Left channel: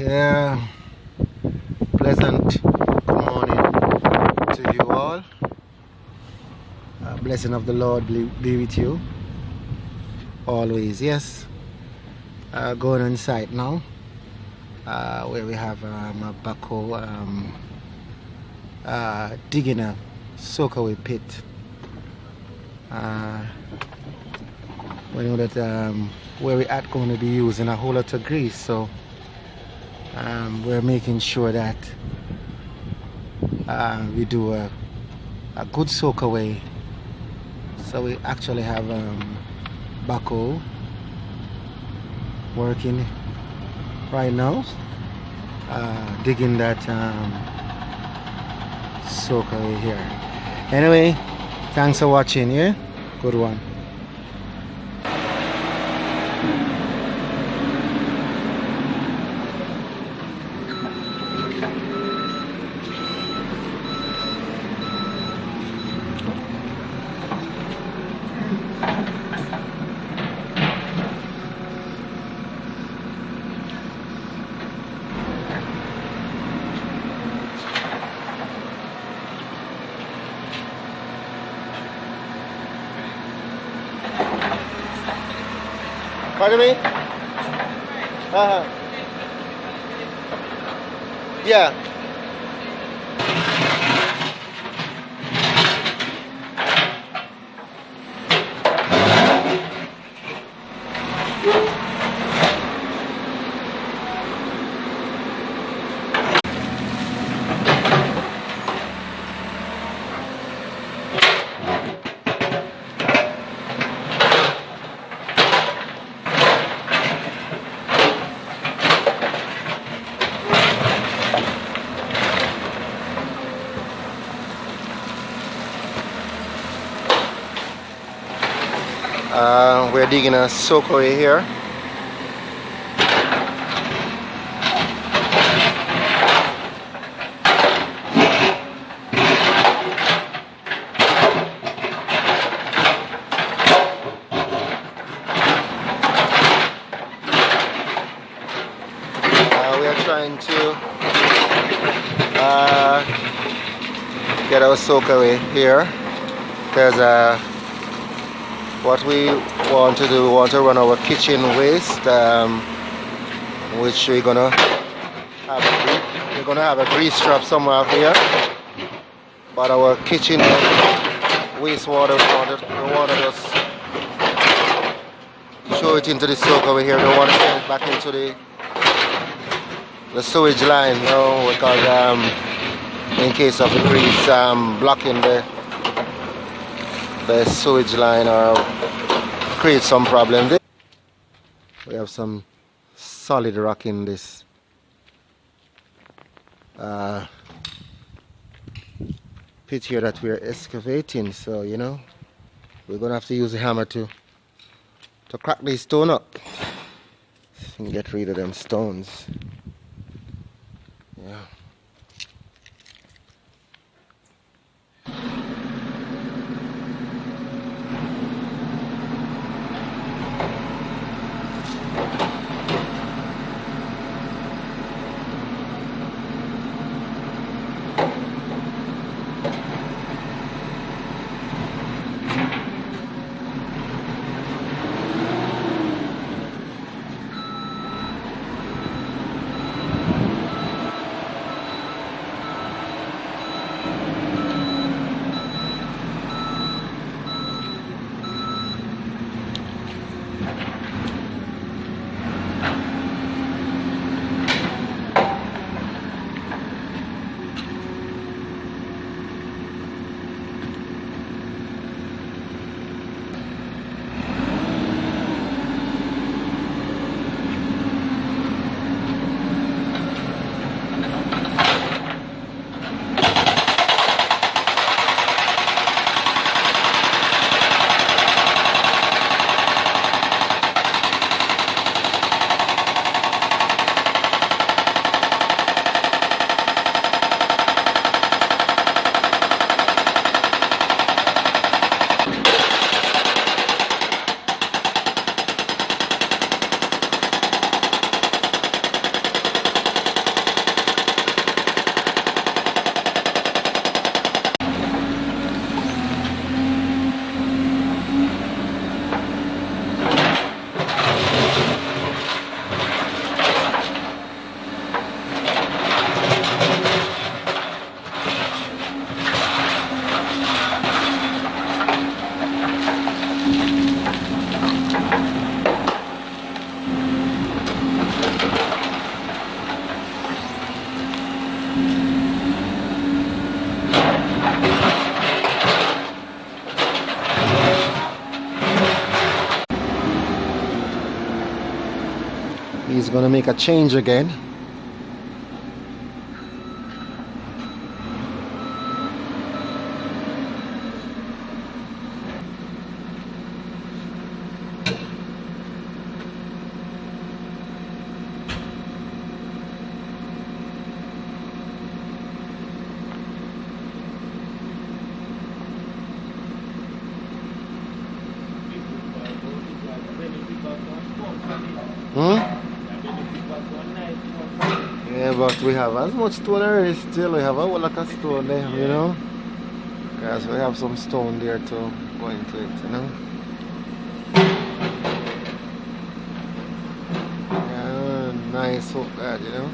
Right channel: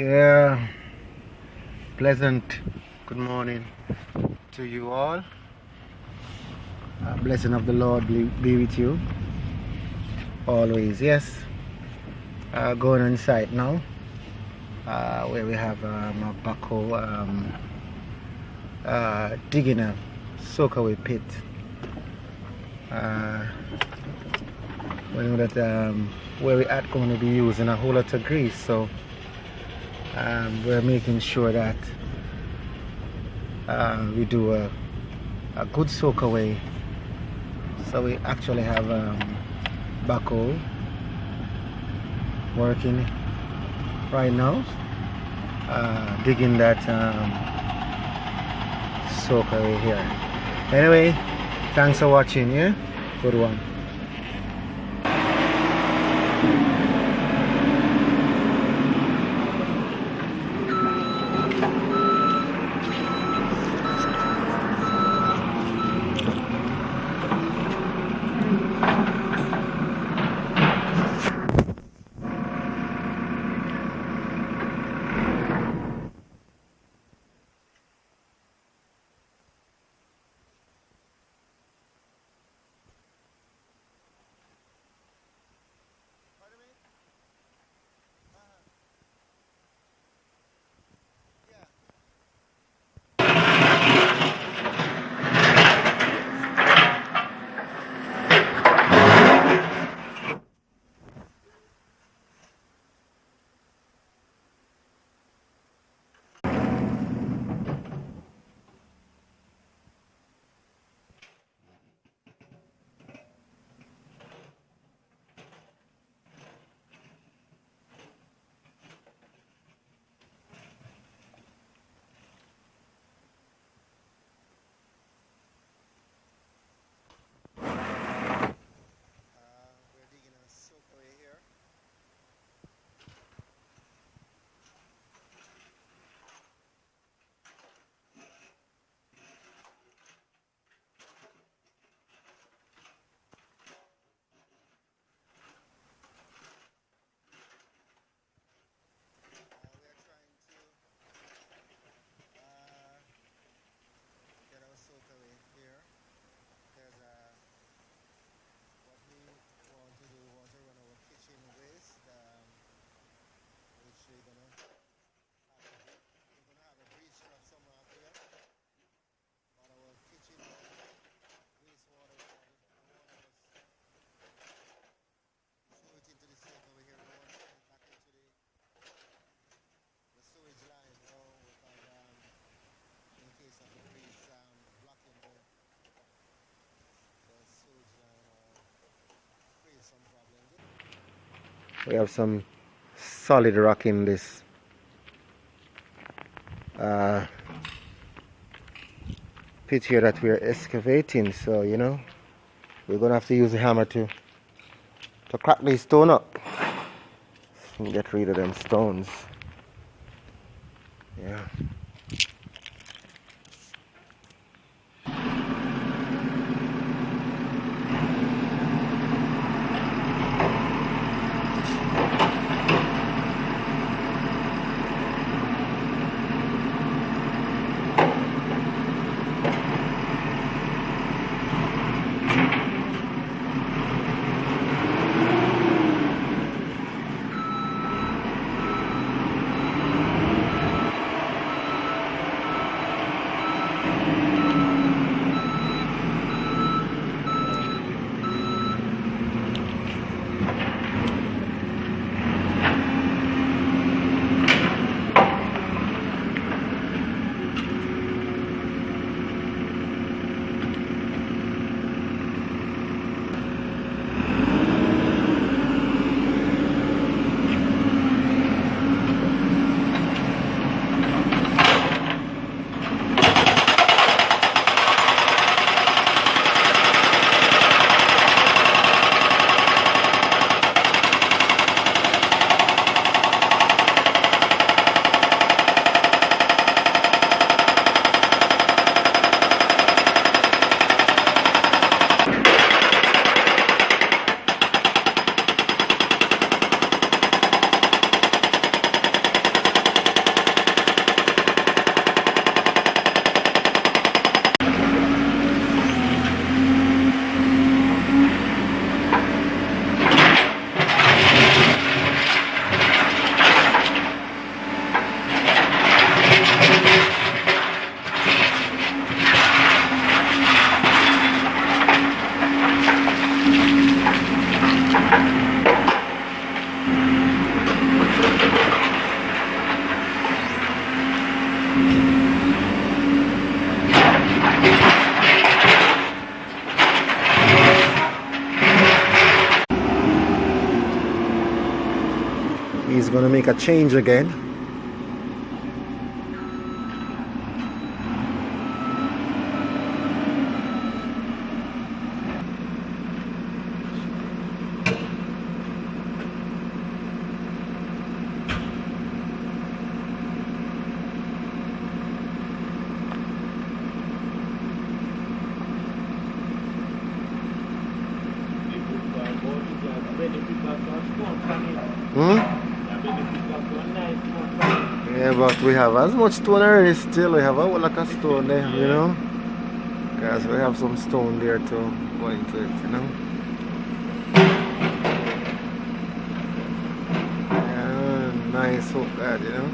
Yeah, pleasant good morning to you all. Blessing of the Lord be with you always. Yes, going on site now where we have a backhoe digging a soakaway pit. We know that where we're at going to be using a whole lot of grease, so we're making sure that we do a good soakaway. So we actually have backhoe working right now, digging that soakaway here. Anyway, thanks for watching. Yeah, good one. Pardon me? Yeah. We're digging a soakaway here. We are trying to get our soakaway here because what we want to do, we want to run our kitchen waste, which we're gonna have a grease trap somewhere up here. But our kitchen wastewater, we want to just show it into the soakaway here. We don't want to send it back into the sewage line, you know, because in case of the grease blocking the sewage line or create some problem. We have some solid rock in this pit here that we're excavating, so you know we're gonna have to use a hammer to crack this stone up and get rid of them stones. Yeah. gonna make a change again. Hmm? Yeah, but we have as much stone already still. We have a whole lot of stone there, you know. Because we have some stone there to go into it, you know. Yeah, nice hook that, you know.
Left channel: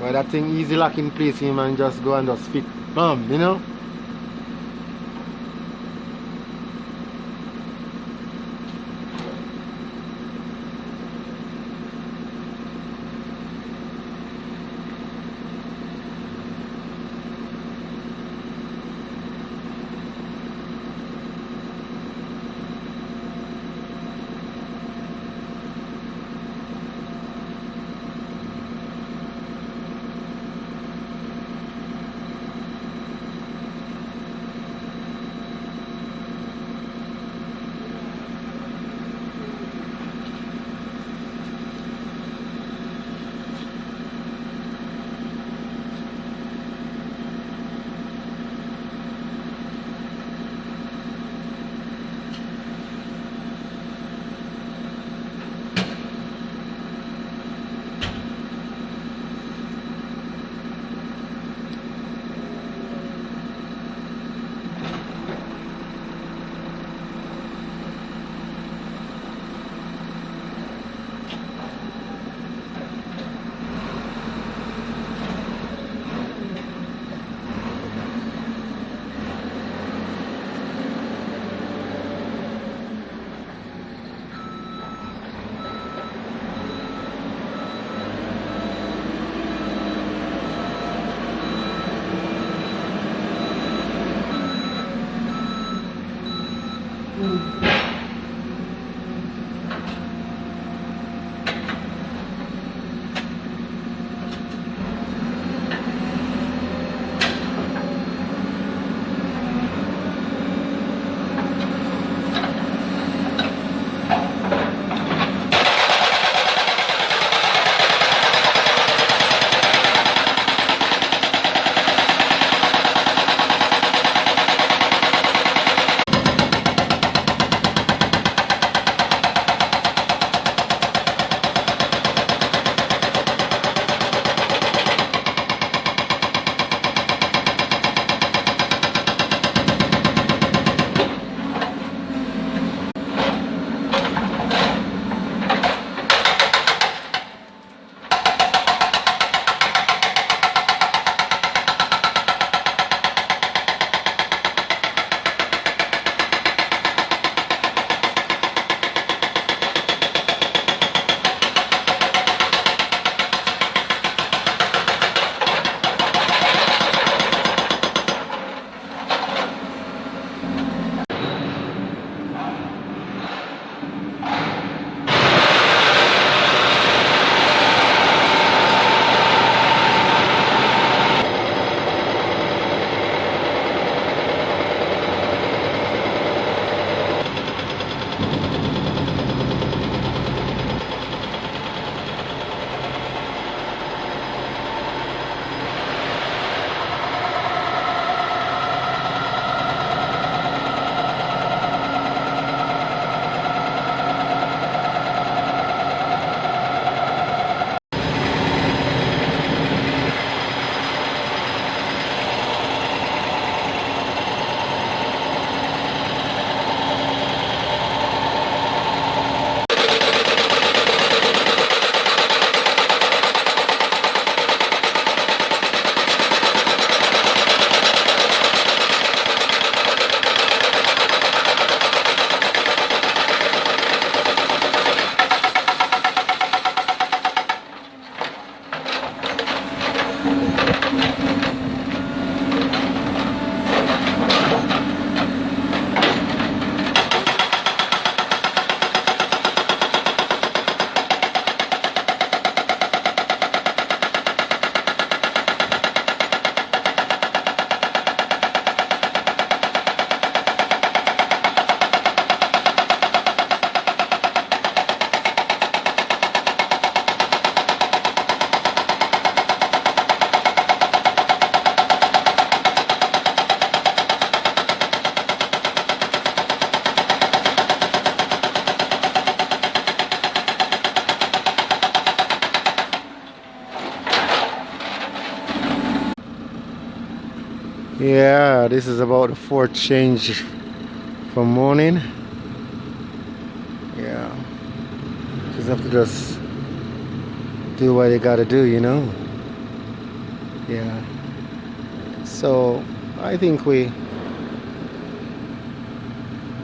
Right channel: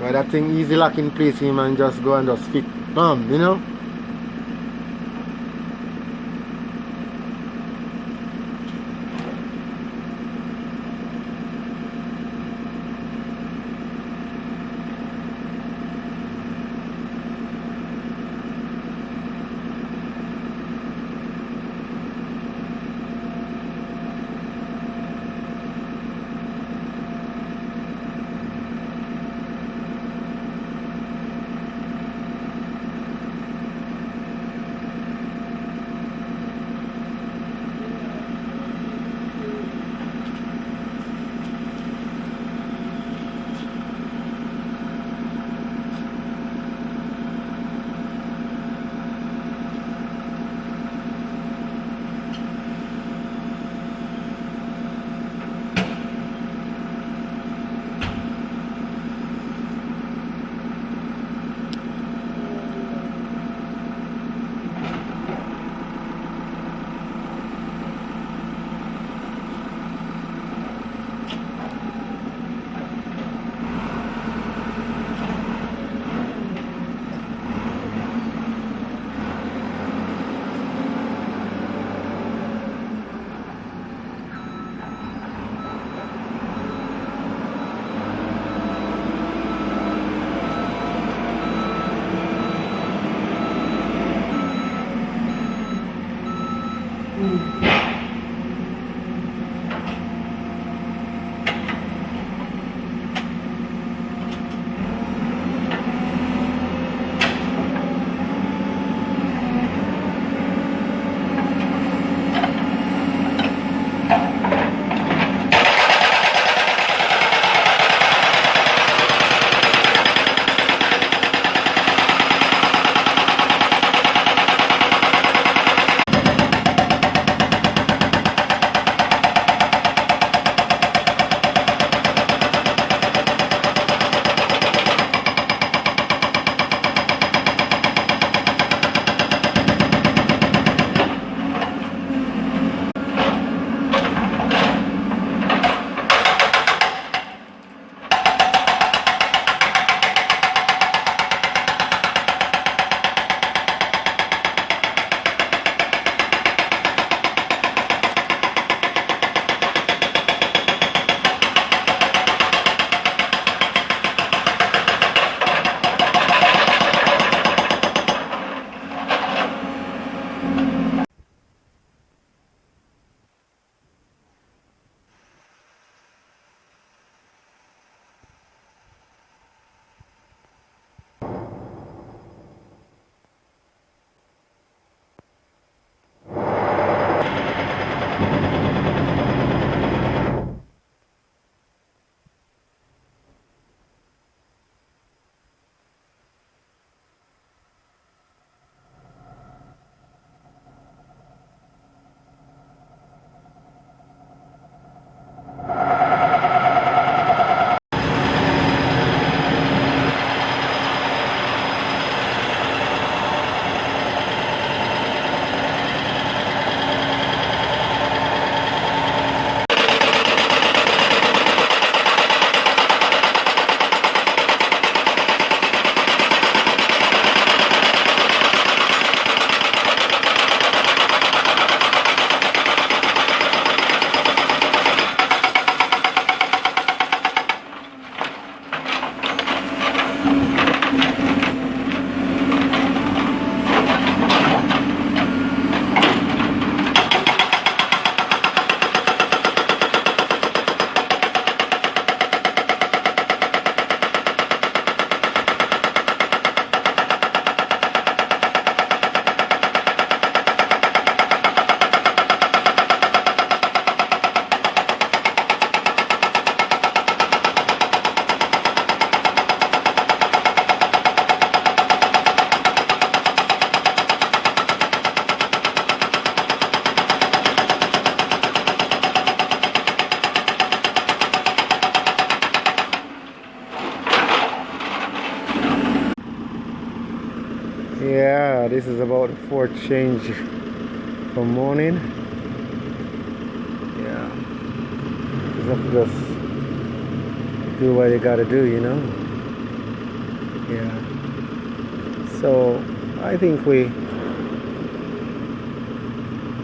But that thing easy lock in place, him and just go and just fit, bam, you know. Yeah, this is about the fourth change from morning. Yeah, just do what you gotta do, you know. Yeah. So I think we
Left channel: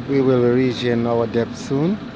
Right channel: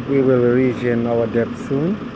will be reaching our depth soon.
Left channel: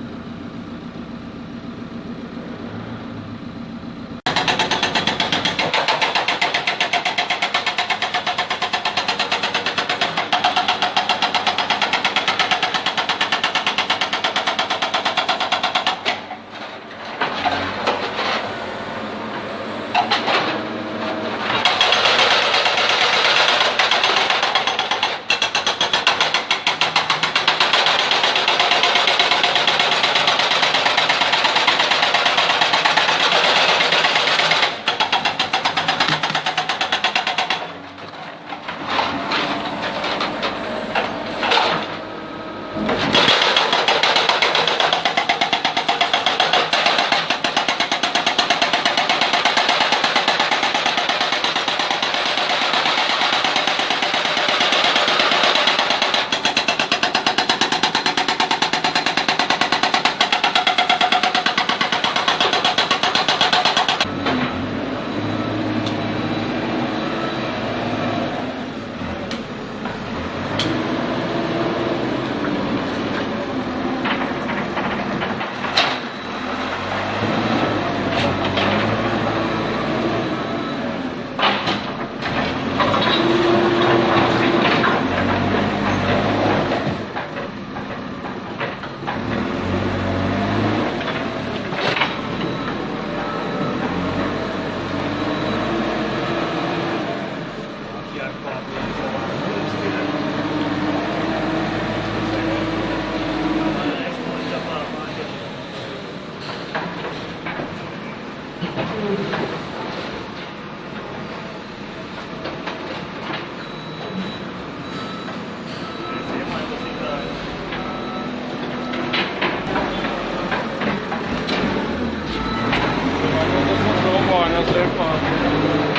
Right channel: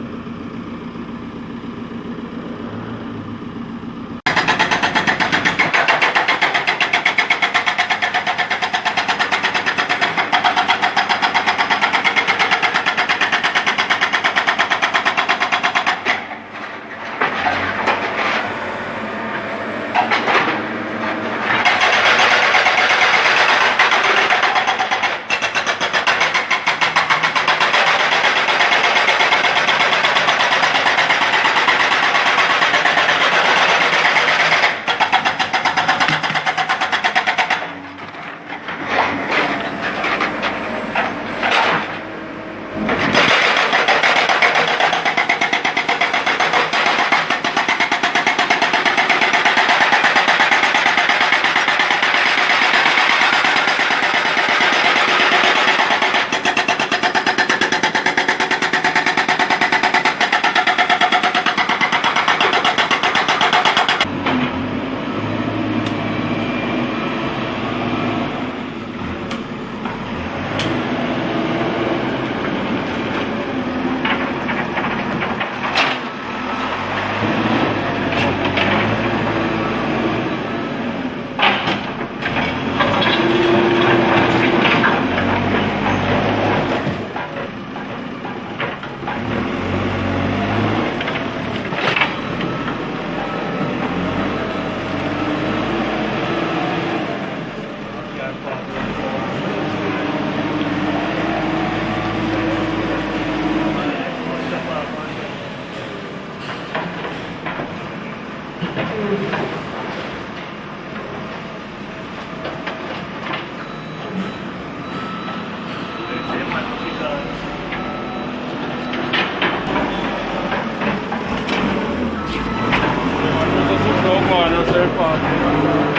Não sei, pá.